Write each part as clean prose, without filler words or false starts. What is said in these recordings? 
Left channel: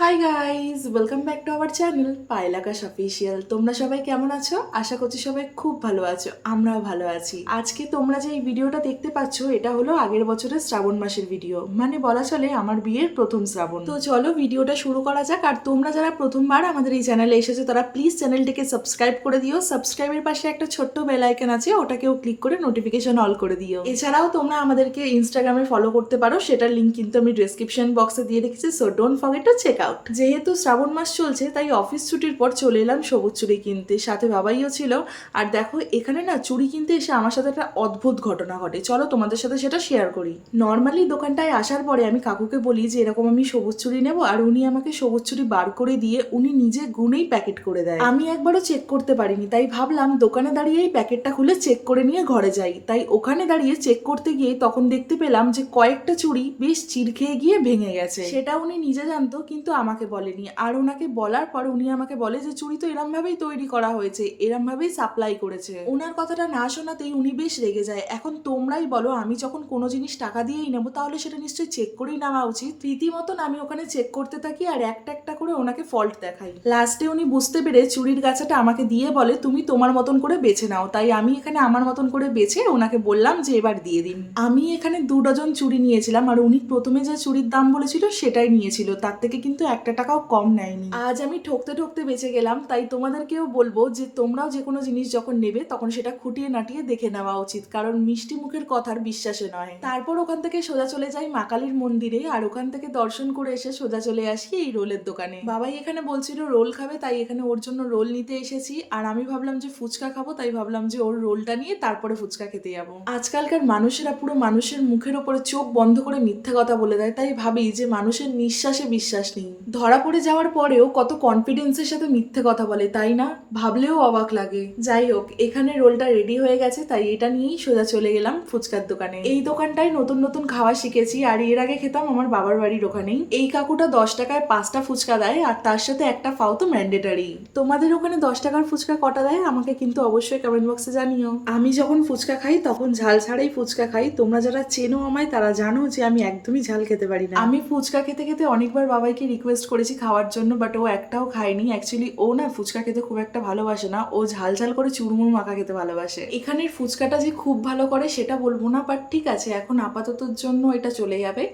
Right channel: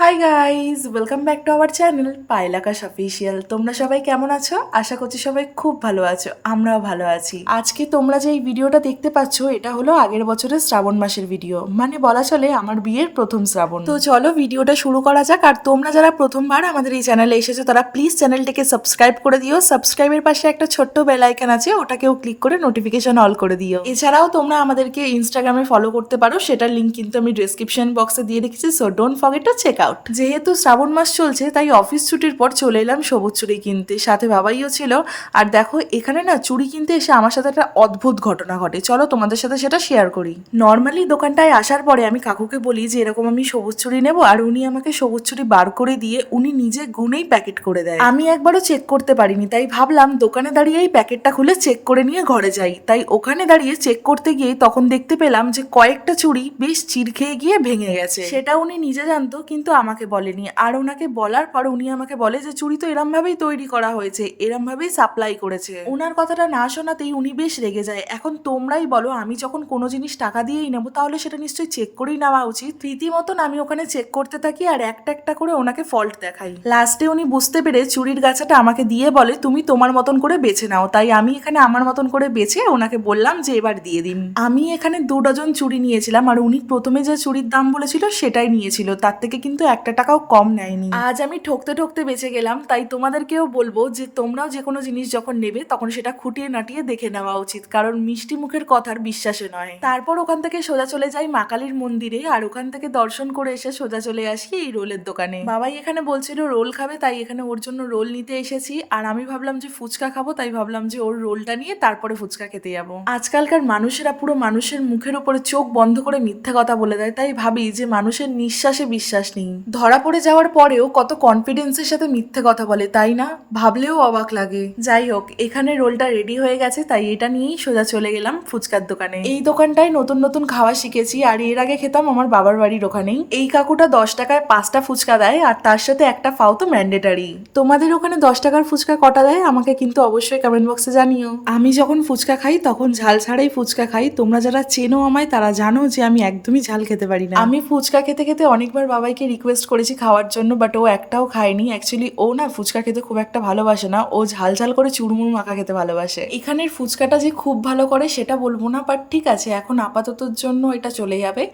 High guys, welcome back to our channel Payel Akash official. তোমরা সবাই কেমন আছো? আশা করছি সবাই খুব ভালো আছো, আমরাও ভালো আছি। আজকে তোমরা যে এই ভিডিওটা দেখতে পাচ্ছ এটা হলো আগের বছরের শ্রাবণ মাসের ভিডিও, মানে বলা চলে আমার বিয়ের প্রথম শ্রাবণ। তো চলো ভিডিওটা শুরু করা যাক। আর তোমরা যারা প্রথমবার আমাদের এই চ্যানেলে এসেছো তারা প্লিজ চ্যানেলটিকে সাবস্ক্রাইব করে দিও। সাবস্ক্রাইবের পাশে একটা ছোট্ট বেল আইকন আছে, ওটাকেও ক্লিক করে নোটিফিকেশন অল করে দিও। এছাড়াও তোমরা আমাদেরকে ইনস্টাগ্রামে ফলো করতে পারো, সেটার লিঙ্ক কিন্তু আমি ডেসক্রিপশন বক্সে দিয়ে রেখেছি, so don't forget to check out. যেহেতু শ্রাবণ মাস চলছে তাই অফিস ছুটির পর চলে এলাম সবুজ চুড়ি কিনতে, সাথে বাবাইও ছিল। আর দেখো এখানে না চুড়ি কিনতে এসে আমার সাথে একটা অদ্ভুত ঘটনা ঘটে, চলো তোমাদের সাথে সেটা শেয়ার করি। নর্মালি দোকানটায় আসার পরে আমি কাকুকে বলি যে এরকম আমি সবুজ চুড়ি নেবো, আর উনি আমাকে সবুজ চুড়ি বার করে দিয়ে উনি নিজে গুনেই প্যাকেট করে দেয়। আমি একবারও চেক করতে পারিনি, তাই ভাবলাম দোকানে দাঁড়িয়েই প্যাকেটটা খুলে চেক করে নিয়ে ঘরে যাই। তাই ওখানে দাঁড়িয়ে চেক করতে গিয়ে তখন দেখতে পেলাম যে কয়েকটা চুড়ি বেশ চির খেয়ে গিয়ে ভেঙে গেছে। সেটা উনি নিজে জানতো কিন্তু আমাকে বলেনি। আর ওনাকে বলার পর উনি আমাকে বলে যে চুড়ি তো এরম ভাবেই তৈরি করা হয়েছে, এরম ভাবেই সাপ্লাই করেছে। ওনার কথাটা না শোনাতেই উনি বেশ রেগে যায়। এখন তোমরাই বলো, আমি যখন কোনো জিনিস টাকা দিয়েই নেবো তাহলে সেটা নিশ্চয়ই চেক করেই নেওয়া উচিত। রীতিমতন আমি ওখানে চেক করতে থাকি আর একটা একটা করে ওনাকে ফল্ট দেখাই। লাস্টে উনি বুঝতে পেরে চুড়ির গাছাটা আমাকে দিয়ে বলে তুমি তোমার মতন করে বেছে নাও। তাই আমি এখানে আমার মতন করে বেছে ওনাকে বললাম যে এবার দিয়ে দিন। আমি এখানে 2 ডজন চুড়ি নিয়েছিলাম, আর উনি প্রথমে যে চুড়ির দাম বলেছিল সেটাই নিয়েছিল, তার থেকে কিন্তু একটা টাকাও কম নেয়নি। আজ আমি ঠকতে ঠকতে বেঁচে গেলাম। তাই তোমাদেরকেও বলবো যে তোমরাও যে কোনো জিনিস যখন নেবে তখন সেটা খুঁটিয়ে নাটিয়ে দেখে নেওয়া উচিত, কারণ মিষ্টি মুখের কথার বিশ্বাসে নয়। তারপর ওখান থেকে সোজা চলে যাই মা কালীর মন্দিরে, আর ওখান থেকে দর্শন করে এসে সোজা চলে আসি এই রোলের দোকানে। বাবাই এখানে বলছিল রোল খাবে, তাই এখানে ওর জন্য রোল নিতে এসেছি। আর আমি ভাবলাম যে ফুচকা খাবো, তাই ভাবলাম যে ওর রোলটা নিয়ে তারপরে ফুচকা খেতে যাবো। আজকালকার মানুষেরা পুরো মানুষের মুখের উপরে চোখ বন্ধ করে মিথ্যা কথা বলে দেয়, তাই ভাবি যে মানুষের নিঃশ্বাসে বিশ্বাস নেই। ধরা পড়ে যাওয়ার পরেও কত কনফিডেন্সের সাথে মিথ্যে কথা বলে, তাই না? ভাবলেও অবাক লাগে। যাই হোক, এখানে রোলটা রেডি হয়ে গেছে, তাই এটা নিয়েই সোজা চলে গেলাম ফুচকার দোকানে। এই দোকানটায় নতুন নতুন খাওয়া শিখেছি, আর এর আগে খেতাম আমার বাবার বাড়ির ওখানেই। এই কাকুটা 10 টাকায় 5টা ফুচকা দেয়, আর তার সাথে একটা ফাও তো ম্যান্ডেটারি। তোমাদের ওখানে 10 টাকার ফুচকা কটা দেয় আমাকে কিন্তু অবশ্যই কমেন্ট বক্সে জানিও। আমি যখন ফুচকা খাই তখন ঝাল ছাড়াই ফুচকা খাই। তোমরা যারা চেনো আমায় তারা জানো যে আমি একদমই ঝাল খেতে পারি না। আমি ফুচকা খেতে খেতে অনেকবার বাবাইকে রিকোয়েস্ট করেছি খাওয়ার জন্য, বাট ও একটাও খায়নি। অ্যাকচুয়ালি ও না ফুচকা খেতে খুব একটা ভালোবাসে না, ও ঝাল ঝাল করে চুরমুর মাখা খেতে ভালোবাসে। এখানের ফুচকাটা যে খুব ভালো করে সেটা বলবো না, বাট ঠিক আছে এখন আপাততর জন্য এটা চলে যাবে।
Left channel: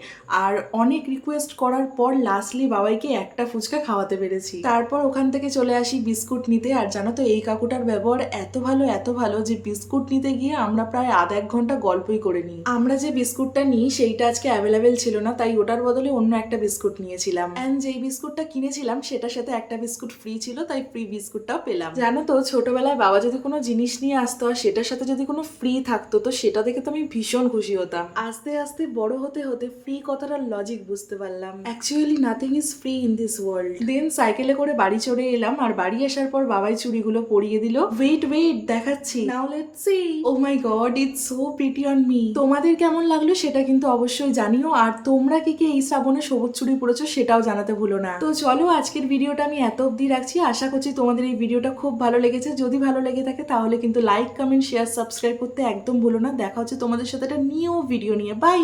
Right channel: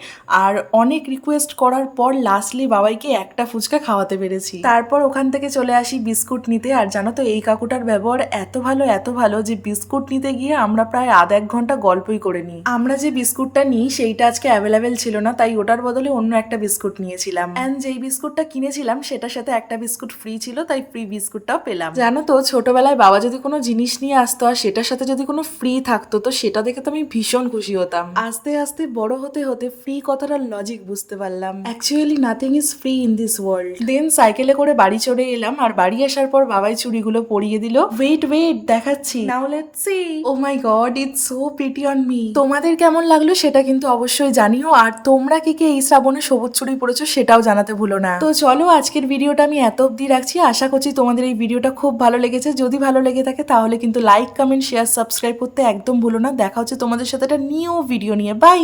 আর অনেক রিকোয়েস্ট করার পর লাস্টলি বাবাইকে একটা ফুচকা খাওয়াতে পেরেছি। তারপর ওখান থেকে চলে আসি বিস্কুট নিতে। আর জানো তো এই কাকুটার ব্যবহার এত ভালো যে বিস্কুট নিতে গিয়ে আমরা প্রায় আধা 1 ঘন্টা গল্পই করে নিই। আমরা যে বিস্কুটটা নিই সেইটা আজকে অ্যাভেলেবেল ছিল না, তাই ওটার বদলে অন্য একটা বিস্কুট নিয়েছিলাম। অ্যান্ড যেই বিস্কুটটা কিনেছিলাম সেটার সাথে একটা বিস্কুট ফ্রি ছিল, তাই ফ্রি বিস্কুটটাও পেলাম। জানো তো ছোটবেলায় বাবা যদি কোনো জিনিস নিয়ে আসতো আর সেটার সাথে যদি কোনো ফ্রি থাকতো তো সেটা দেখে তো আমি ভীষণ খুশি হতাম। আস্তে আস্তে বড় হতে হতে ফ্রি কথাটার লজিক বুঝতে পারলাম। Actually nothing is free in this world. Then সাইকেলে করে বাড়ি চলে এলাম, আর বাড়ি আসার পর বাবাই চুড়িগুলো পরিয়ে দিল। ওয়েট দেখাচ্ছি, now let's see. Oh my god, it's so pretty on me. তোমাদের কেমন লাগলো সেটা কিন্তু অবশ্যই জানিও, আর তোমরা কি এই শ্রাবণে সবুজ চুড়ি পরেছো সেটাও জানাতে ভুলো না। তো চলো আজকের ভিডিওটা আমি এত অবধি রাখছি। আশা করছি তোমাদের এই ভিডিওটা খুব ভালো লেগেছে। যদি ভালো লেগে থাকে তাহলে কিন্তু লাইক, কমেন্ট, শেয়ার, সাবস্ক্রাইব করতে একদম ভুলো না। দেখা হচ্ছে তোমাদের সাথে একটা নিউ ভিডিও নিয়ে। বাই।